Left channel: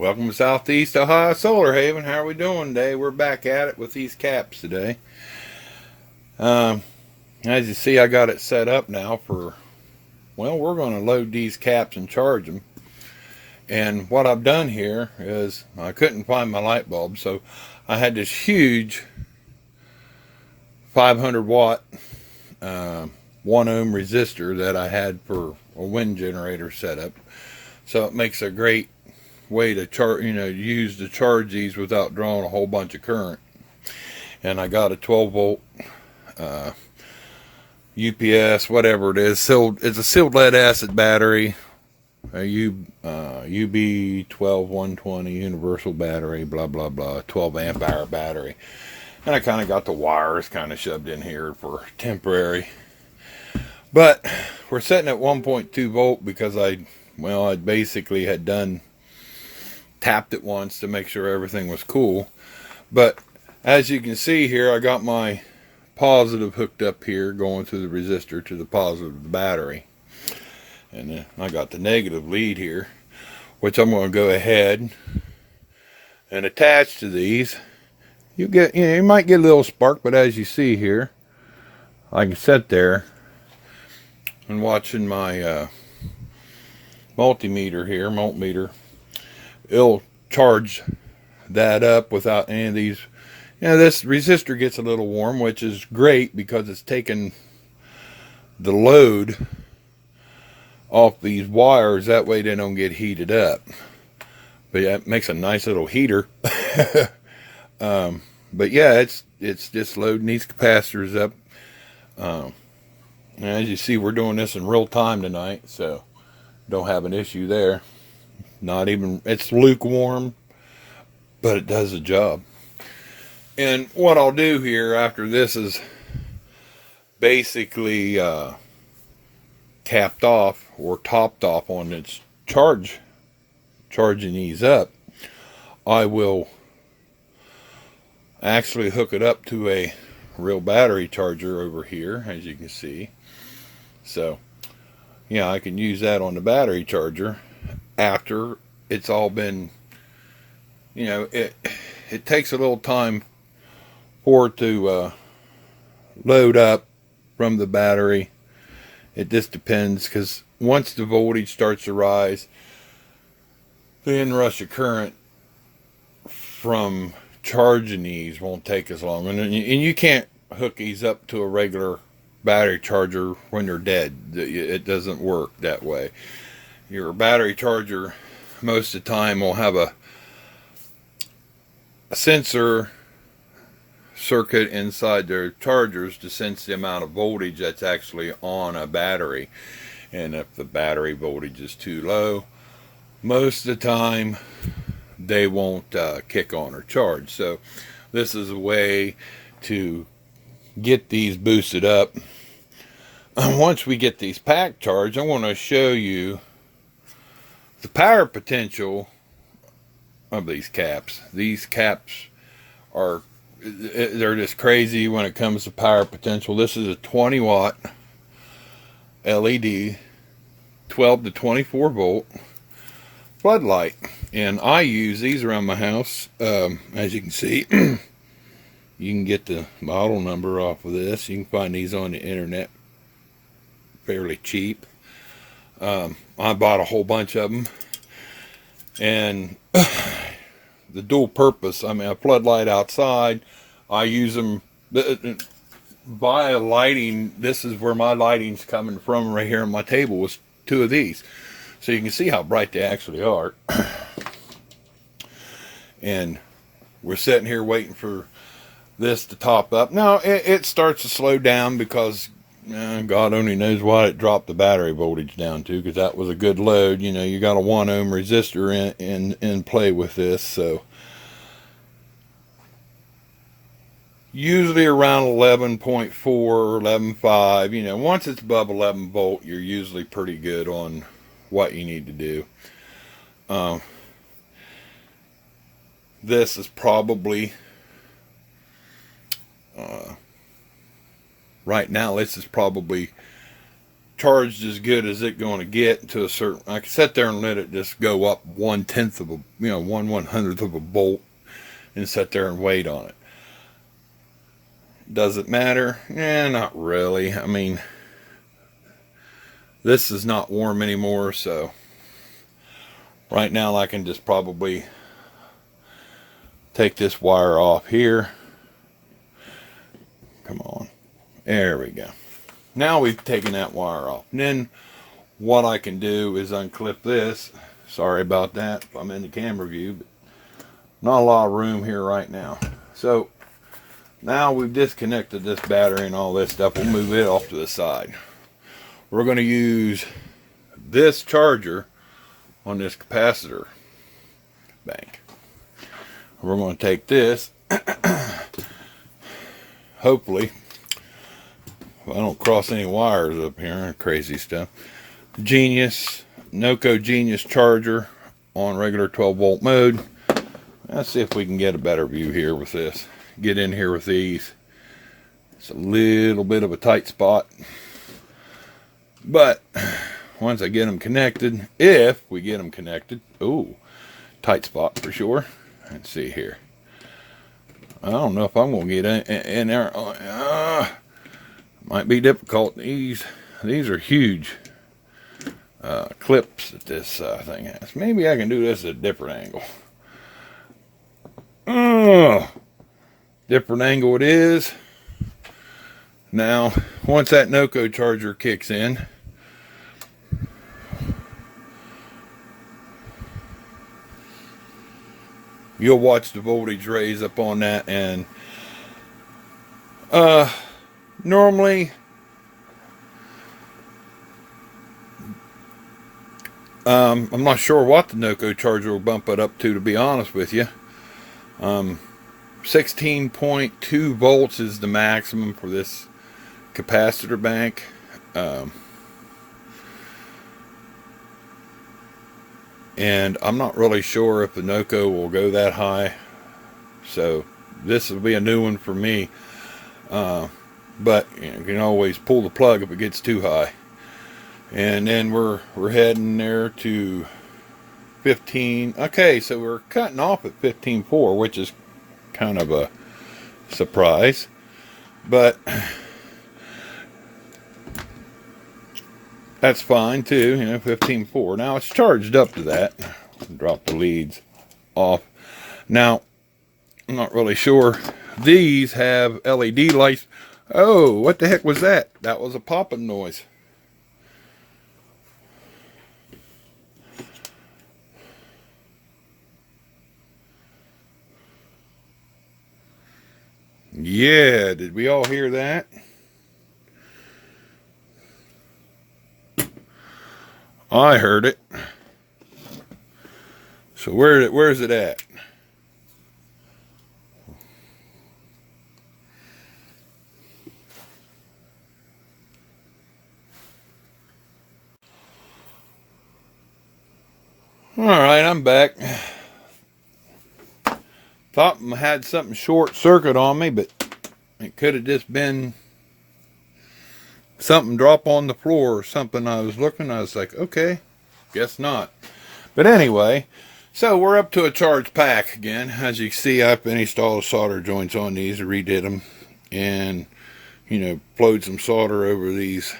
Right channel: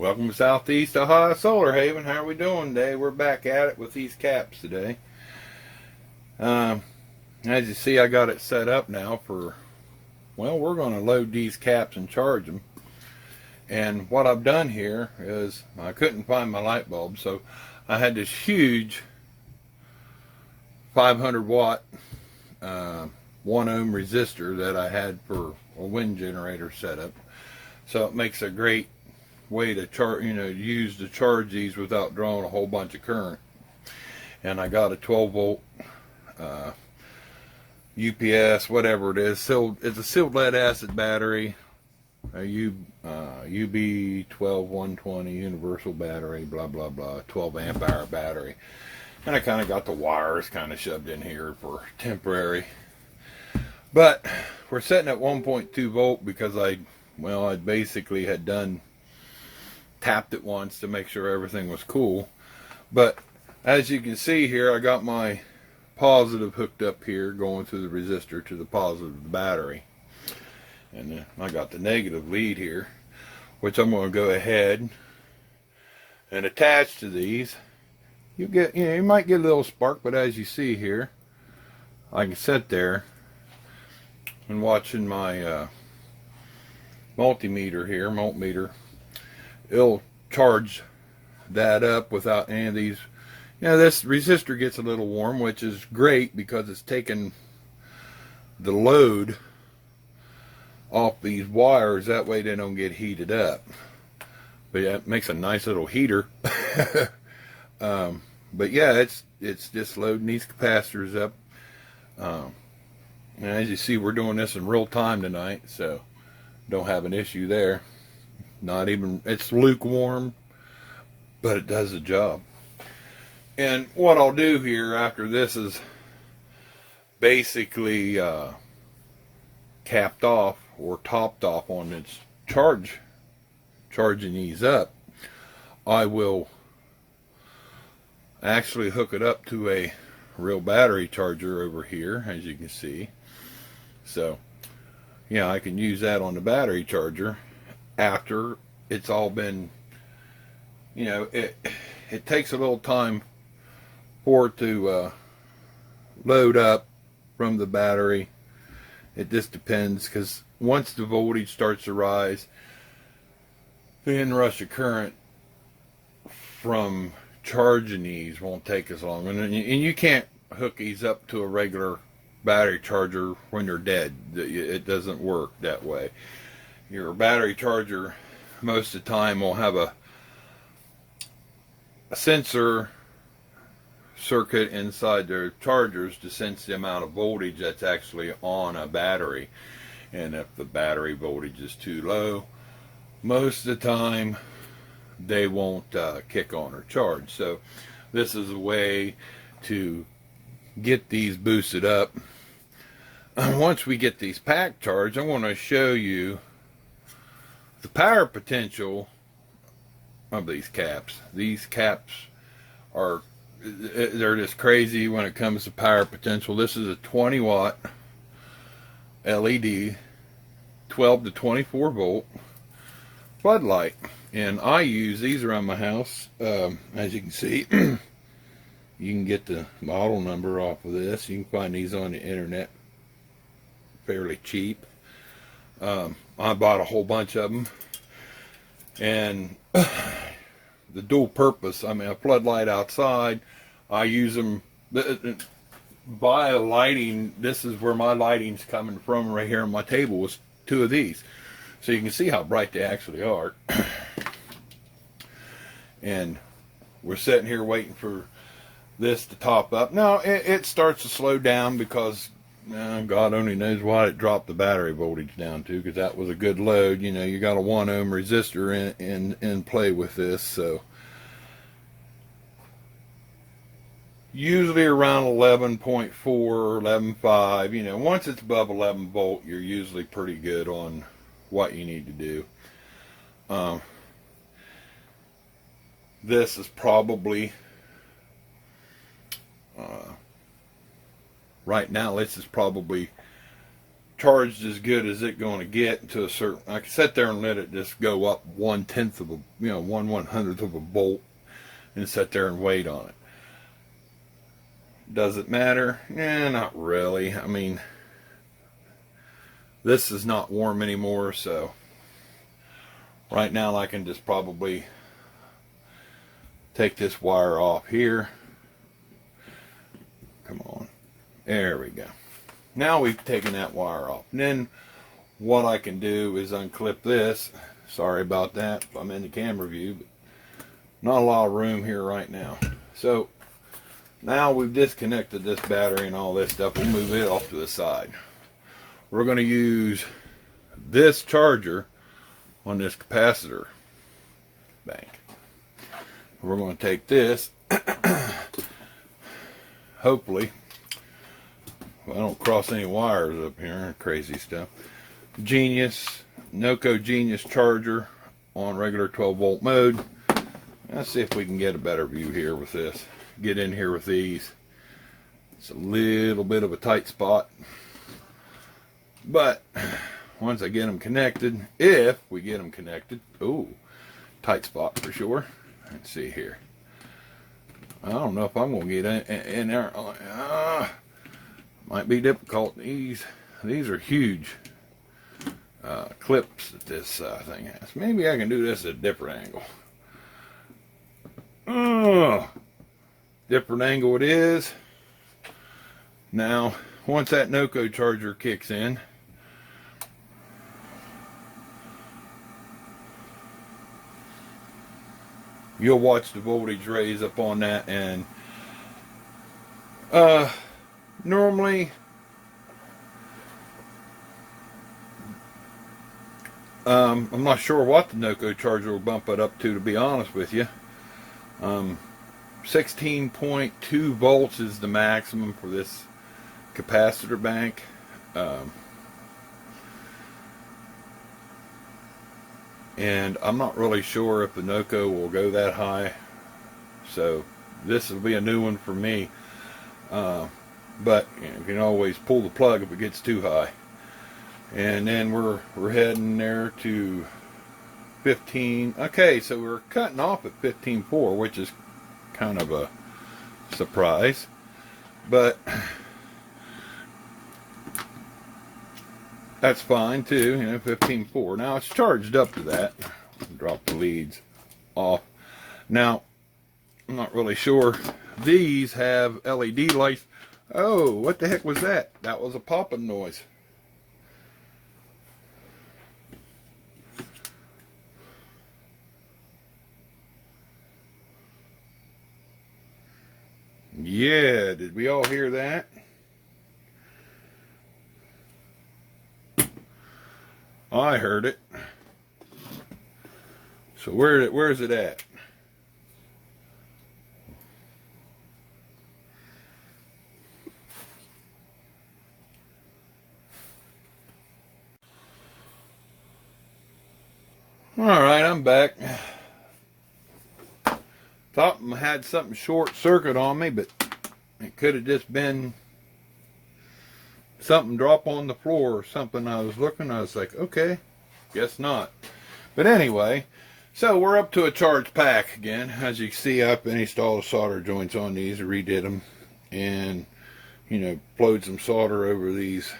Welcome to Southeast Ohio Solar Haven. How are we doing today? We're back at it with these caps today. As you see, I got it set up now for, well, we're going to load these caps and charge them. And what I've done here is I couldn't find my light bulb, so I had this huge 500 watt 1 ohm resistor that I had for a wind generator setup. So it makes a great way to charge, use to charge these without drawing a whole bunch of current. And I got a 12 volt UPS, whatever it is. It's a sealed lead acid battery, a UB 12120 universal battery, blah blah blah, 12 amp hour battery. And I kind of got the wires kind of shoved in here for temporary. But we're setting at 1.2 volt because I basically had tapped it once to make sure everything was cool. But as you can see here, I got my positive hooked up here going through the resistor to the positive of the battery. And then I got the negative lead here, which I'm going to go ahead and attach to these. You might get a little spark, but as you see here, I can sit there and watching my multimeter, it'll charge that up without any of these. This resistor gets a little warm, which is great because it's taking the load off these wires. That way they don't get heated up. But yeah, it makes a nice little heater. But yeah, it's just loading these capacitors up. And as you see, we're doing this in real time tonight, so don't have an issue there. It's lukewarm, but it does the job. And what I'll do here after this is basically capped off or topped off on its charging these up, I will actually hook it up to a real battery charger over here, as you can see. So yeah, I can use that on the battery charger after it's all been, it takes a little time for it to load up from the battery. It just depends, because once the voltage starts to rise, the inrush of current from charging these won't take as long. And you can't hook these up to a regular battery charger when they're dead. It doesn't work that way. Your battery charger most of the time will have a sensor circuit inside their chargers to sense the amount of voltage that's actually on a battery. And if the battery voltage is too low, most of the time they won't kick on or charge. So this is a way to get these boosted up. Once we get these pack charged, I want to show you the power potential of these caps. These caps they're just crazy when it comes to power potential. This is a 20 watt LED 12 to 24 volt floodlight, and I use these around my house. As you can see, you can get the model number off of this. You can find these on the internet fairly cheap. I bought a whole bunch of them, and the dual purpose, a floodlight outside, I use them by lighting. This is where my lighting's coming from right here on my table, was 2 of these, so you can see how bright they actually are. And we're sitting here waiting for this to top up. Now it starts to slow down because God only knows why it dropped the battery voltage down to, because that was a good load. You got a 1 ohm resistor in play with this, so usually around 11.4 or 11.5. Once it's above 11 volt, you're usually pretty good on what you need to do. This is probably right now, this is probably charged as good as it's going to get to a certain. I can sit there and let it just go up 1/10 of a, 1/100th of a volt, and sit there and wait on it. Does it matter? Not really. I mean, this is not warm anymore, so right now I can just probably take this wire off here. Come on. There we go. Now we've taken that wire off. And then what I can do is unclip this. Sorry about that. I'm in the camera view, but not a lot of room here right now. So now we've disconnected this battery and all this stuff. We'll move it off to the side. We're going to use this charger on this capacitor bank. We're going to take this, hopefully, I don't cross any wires up here, crazy stuff. Genius, Noco Genius charger on regular 12 volt mode. Let's see if we can get a better view here with this. Get in here with these. It's a little bit of a tight spot, but once I get them connected, if we get them connected, ooh, tight spot for sure. Let's see here. I don't know if I'm going to get in there. Might be difficult. These are huge clips that this thing has. Maybe I can do this at a different angle. Different angle it is. Now, once that Noco charger kicks in, you'll watch the voltage raise up on that, and normally I'm not sure what the Noco charger will bump it up to be honest with you. 16.2 volts is the maximum for this capacitor bank. And I'm not really sure if the Noco will go that high, so this will be a new one for me. But you can always pull the plug if it gets too high. And then we're heading there to 15. Okay, so we're cutting off at 15.4, which is kind of a surprise, but that's fine too. 15.4. Now it's charged up to that. Drop the leads off. Now I'm not really sure. These have LED lights. Oh, what the heck was that? That was a popping noise. Yeah, did we all hear that? I heard it. So where's it at? All right, I'm back. Thought I had something short circuit on me, but it could have just been something drop on the floor or something. I was like, okay, guess not. But anyway, so we're up to a charge pack again. As you can see, I've installed solder joints on these, redid them, and flowed some solder over these.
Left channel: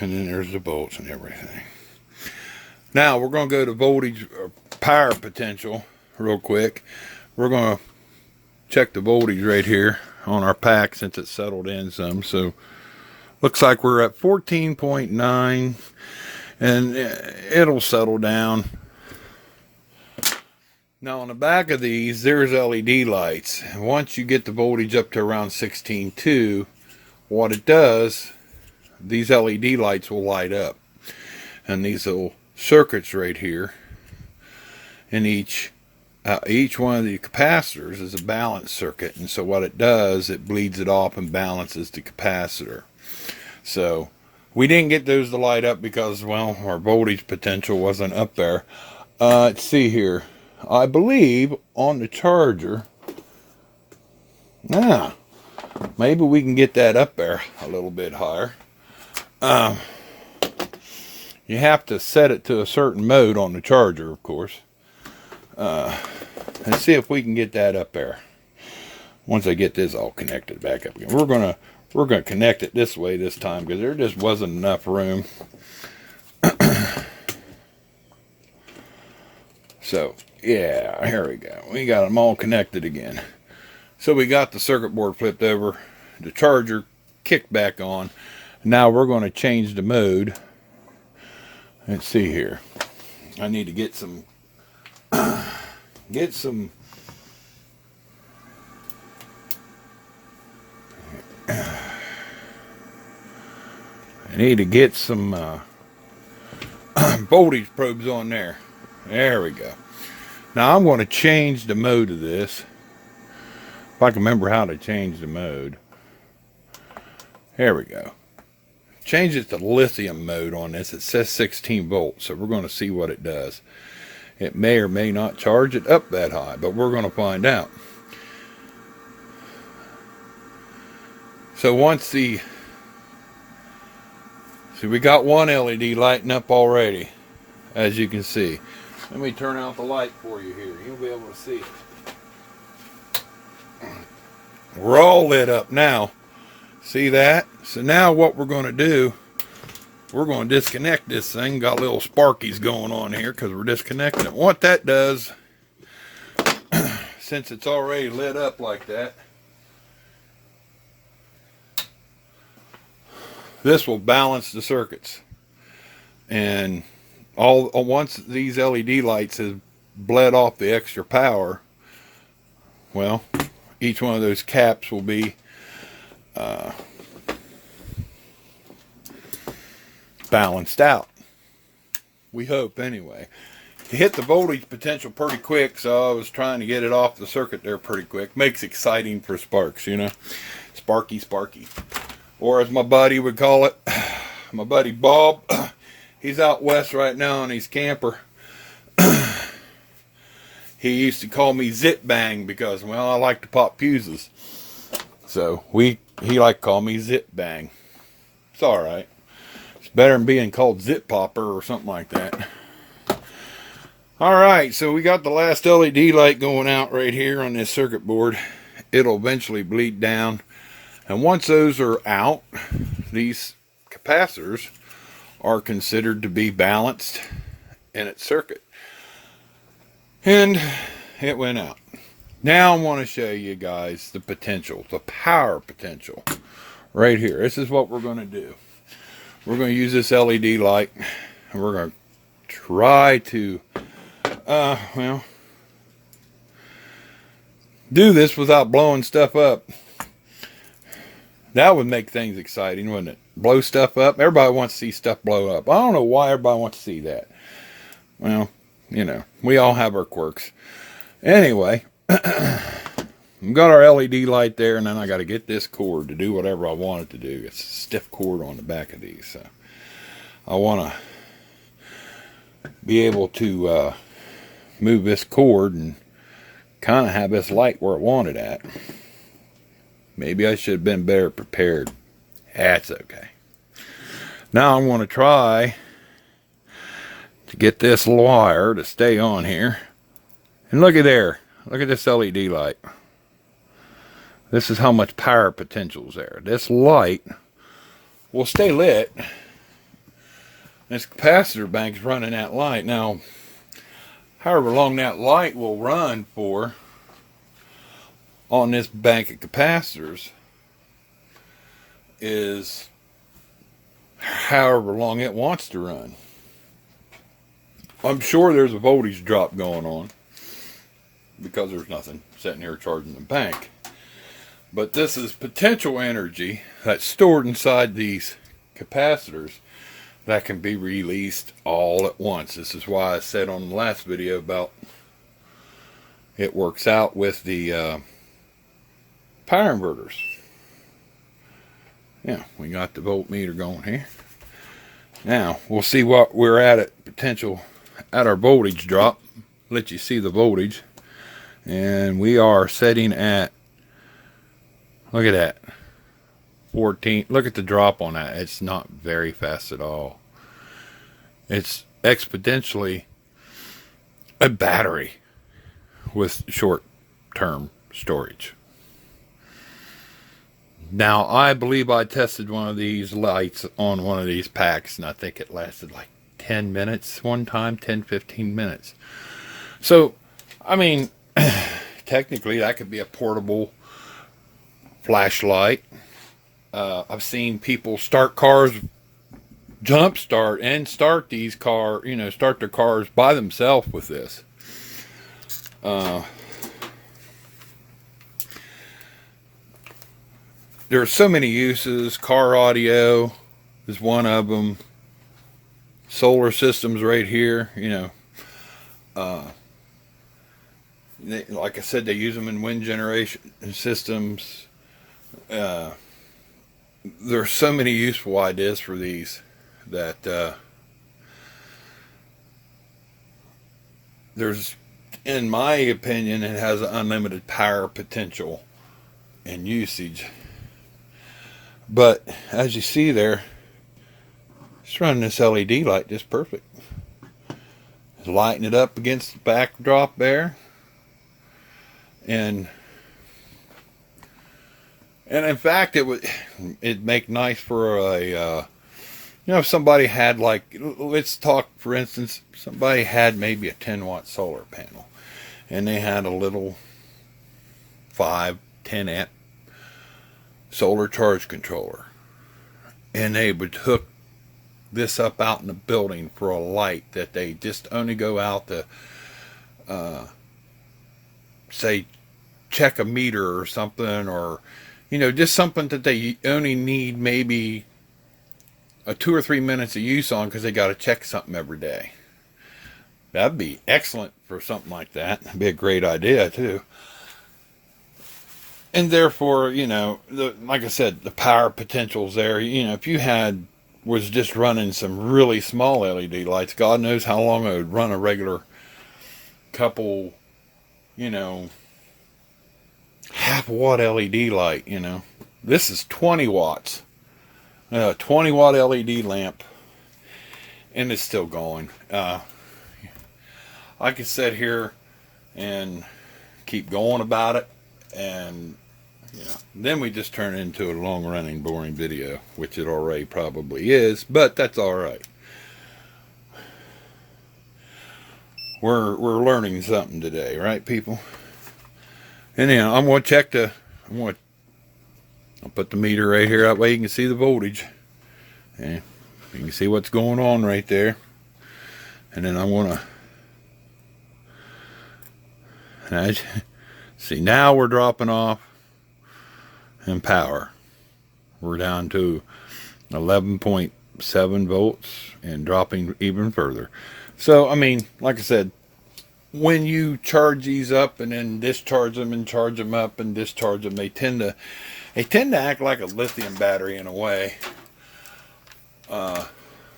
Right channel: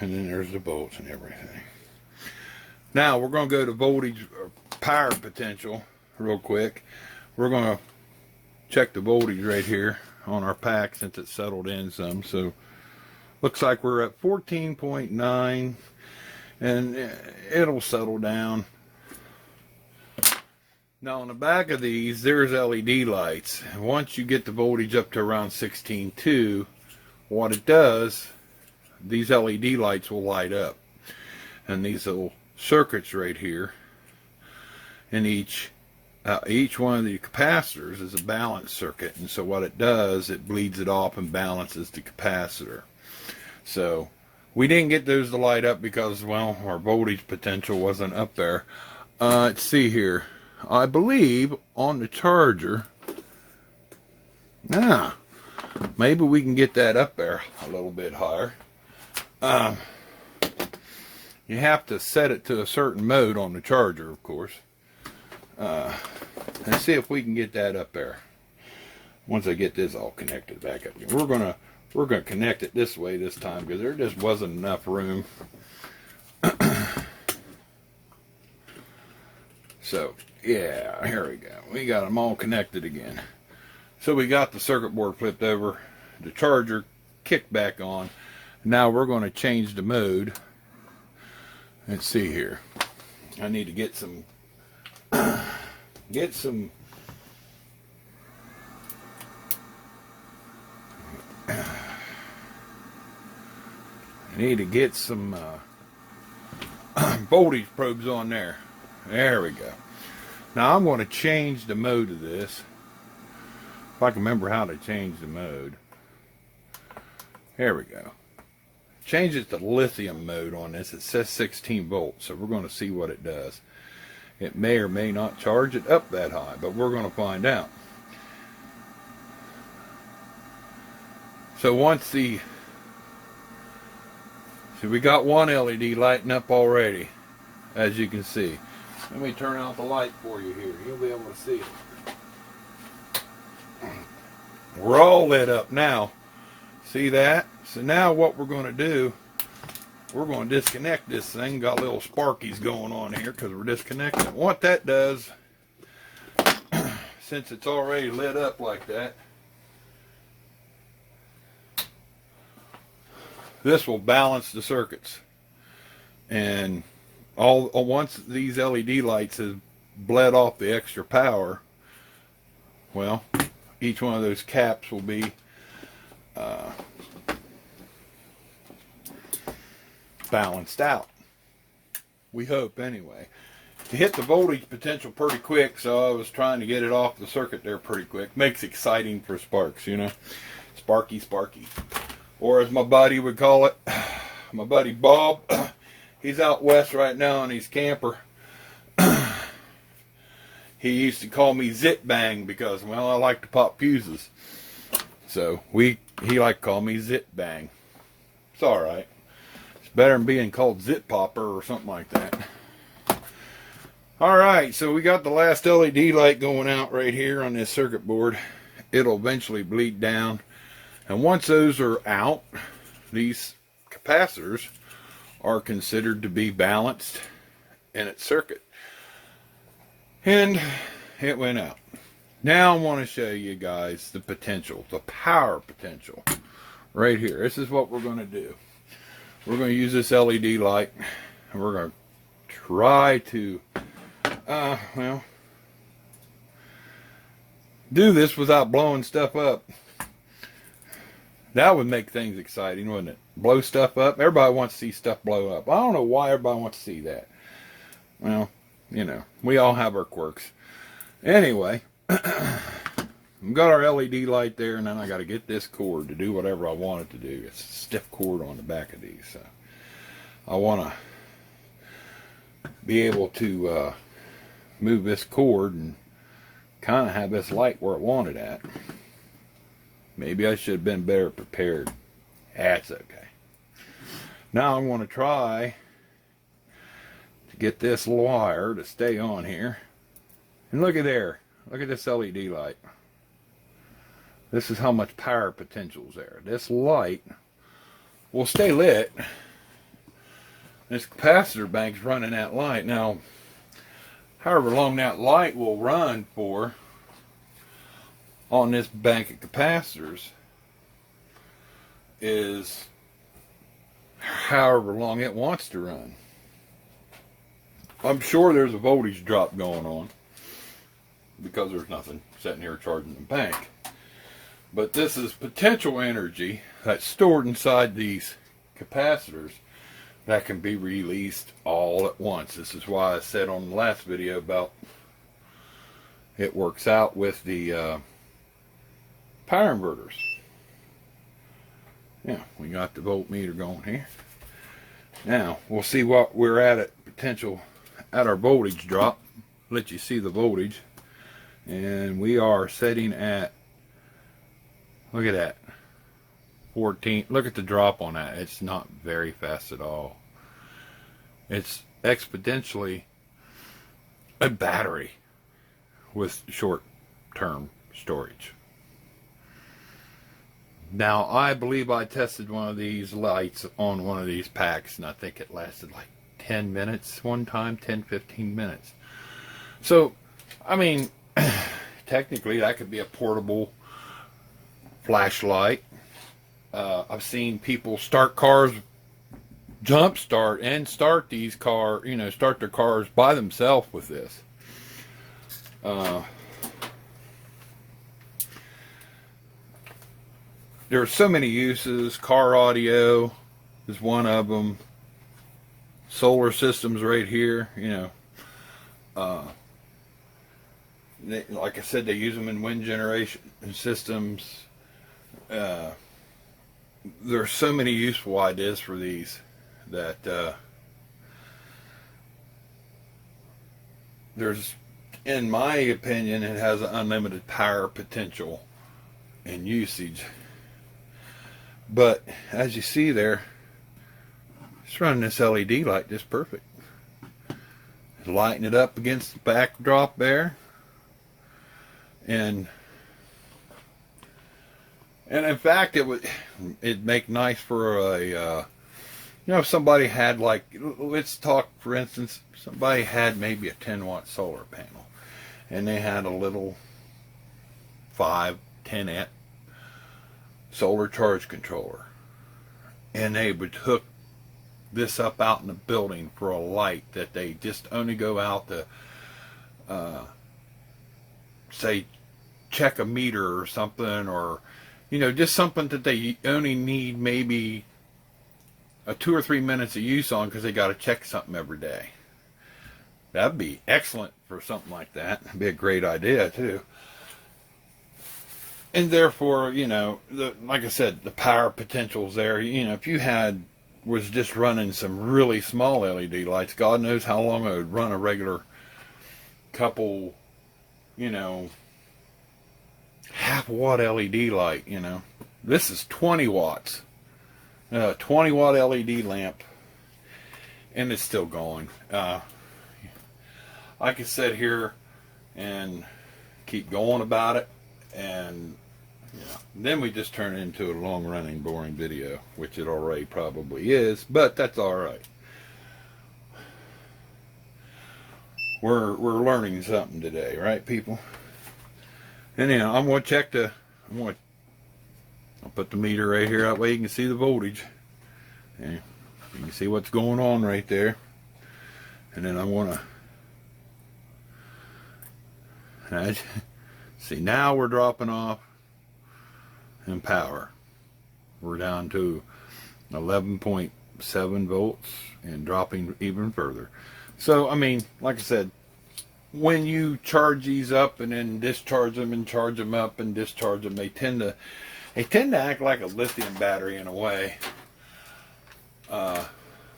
And then there's the bolts and everything. Now we're going to go to voltage or power potential real quick. We're going to check the voltage right here on our pack since it's settled in some. So looks like we're at 14.9, and it'll settle down. Now on the back of these, there's LED lights. Once you get the voltage up to around 16.2, what it does, these LED lights will light up, and these little circuits right here, and each one of the capacitors is a balance circuit, and so what it does, it bleeds it off and balances the capacitor. So we didn't get those to light up because, well, our voltage potential wasn't up there. Let's see here. I believe on the charger, maybe we can get that up there a little bit higher. You have to set it to a certain mode on the charger, of course. Let's see if we can get that up there. Once I get this all connected back up again, we're gonna connect it this way this time because there just wasn't enough room. So yeah, here we go. We got them all connected again. So we got the circuit board flipped over, the charger kicked back on. Now we're going to change the mode. Let's see here. I need to get some I need to get some voltage probes on there. There we go. Now I'm going to change the mode of this. If I can remember how to change the mode. There we go. Change it to lithium mode on this. It says 16 volts, so we're going to see what it does. It may or may not charge it up that high, but we're going to find out. So once the... See, we got one LED lighting up already, as you can see. Let me turn out the light for you here. You'll be able to see it. We're all lit up now. See that? So now what we're going to do, we're going to disconnect this thing. Got little Sparkies going on here because we're disconnecting it. What that does, since it's already lit up like that, this will balance the circuits. And once these LED lights have bled off the extra power, well, each one of those caps will be balanced out. We hope, anyway. You hit the voltage potential pretty quick, so I was trying to get it off the circuit there pretty quick. Makes exciting for sparks, you know. Sparky, Sparky. Or as my buddy would call it, my buddy Bob, he's out west right now on his camper. He used to call me Zip Bang because, well, I like to pop fuses. So he liked to call me Zip Bang. It's alright. It's better than being called Zip Popper or something like that. Alright, so we got the last LED light going out right here on this circuit board. It'll eventually bleed down. And once those are out, these capacitors are considered to be balanced in its circuit. And it went out. Now I want to show you guys the potential, the power potential right here. This is what we're going to do. We're going to use this LED light and we're going to try to, well, do this without blowing stuff up. That would make things exciting, wouldn't it? Blow stuff up. Everybody wants to see stuff blow up. I don't know why everybody wants to see that. Well, you know, we all have our quirks. Anyway, we've got our LED light there, and then I got to get this cord to do whatever I want it to do. It's a stiff cord on the back of these, so I want to be able to move this cord and kind of have this light where I want it at. Maybe I should have been better prepared. That's okay. Now I'm going to try to get this wire to stay on here. And look at there. Look at this LED light. This is how much power potential is there. This light will stay lit. This capacitor bank's running that light. Now, however long that light will run for on this bank of capacitors is however long it wants to run. I'm sure there's a voltage drop going on because there's nothing sitting here charging the bank. But this is potential energy that's stored inside these capacitors that can be released all at once. This is why I said on the last video about it works out with the power inverters. Yeah, we got the voltmeter going here. Now, we'll see what we're at potential at our voltage drop. Let you see the voltage. And we are setting at, look at that, 14. Look at the drop on that. It's not very fast at all. It's exponentially a battery with short-term storage. Now, I believe I tested one of these lights on one of these packs, and I think it lasted like 10 minutes one time, 10-15 minutes. So, I mean, technically that could be a portable flashlight. I've seen people start cars, jump start and start these start their cars by themselves with this. There's so many uses. Car audio is one of them. Solar systems right here, like I said, they use them in wind generation systems. There's so many useful ideas for these that there's, in my opinion, it has an unlimited power potential and usage. But as you see there, it's running this LED light just perfect. It's lighting it up against the backdrop there. And in fact, it'd make nice for a, if somebody had, like, let's talk, for instance, somebody had maybe a 10-watt solar panel, and they had a little 5-10 amp solar charge controller, and they would hook this up out in the building for a light that they just only go out to, say, check a meter or something, or just something that they only need maybe a 2 or 3 minutes of use on because they got to check something every day. That'd be excellent for something like that. It'd be a great idea too. And therefore, like I said, the power potential's there. If you was just running some really small LED lights, God knows how long it would run a regular couple, half-watt LED light, This is 20 watts. A 20-watt LED lamp. And it's still going. I could sit here and keep going about it. And, then we just turn it into a long-running, boring video. Which it already probably is. But that's alright. We're learning something today, right, people? Anyhow, I'm going to check I'll put the meter right here, that way you can see the voltage. Yeah, you can see what's going on right there. And then I'm going to, see, now we're dropping off in power. We're down to 11.7 volts and dropping even further. So, I mean, like I said, when you charge these up and then discharge them and charge them up and discharge them, they tend to act like a lithium battery in a way,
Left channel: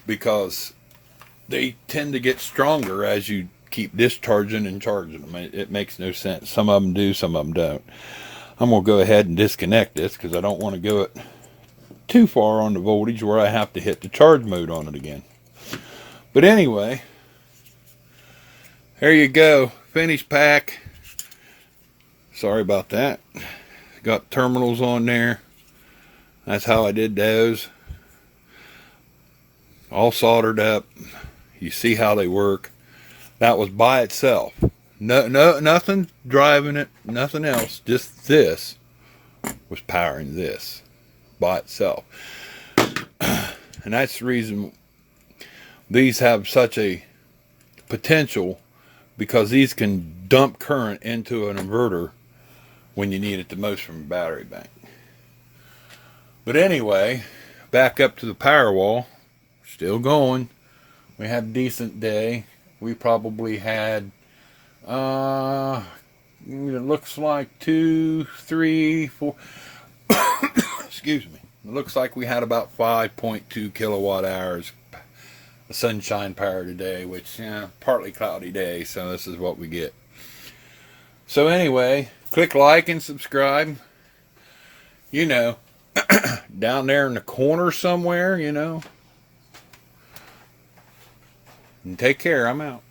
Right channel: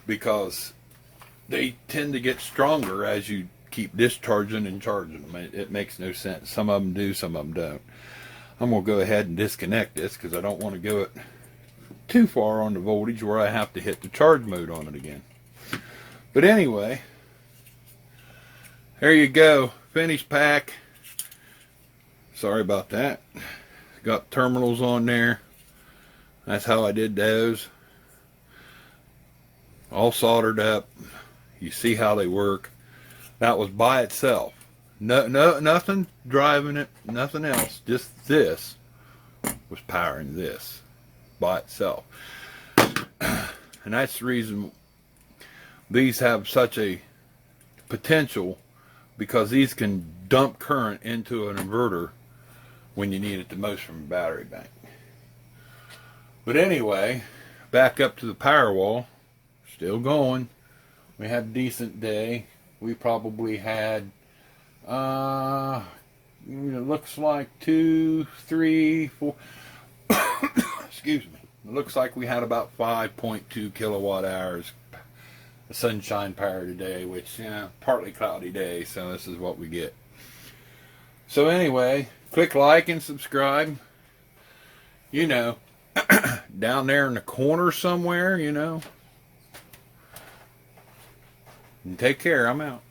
because they tend to get stronger as you keep discharging and charging them. It makes no sense. Some of them do, some of them don't. I'm going to go ahead and disconnect this because I don't want to go it too far on the voltage where I have to hit the charge mode on it again. But anyway, there you go. Finished pack. Sorry about that. Got terminals on there. That's how I did those. All soldered up. You see how they work. That was by itself. No, nothing driving it. Nothing else. Just this was powering this by itself. And that's the reason these have such a potential, because these can dump current into an inverter when you need it the most from a battery bank. But anyway, back up to the power wall. Still going. We had a decent day. We probably had, it looks like 2, 3, 4, excuse me. It looks like we had about 5.2 kilowatt hours of sunshine power today, which, partly cloudy day, so this is what we get. So anyway, click like and subscribe. down there in the corner somewhere, you know. And take care. I'm out.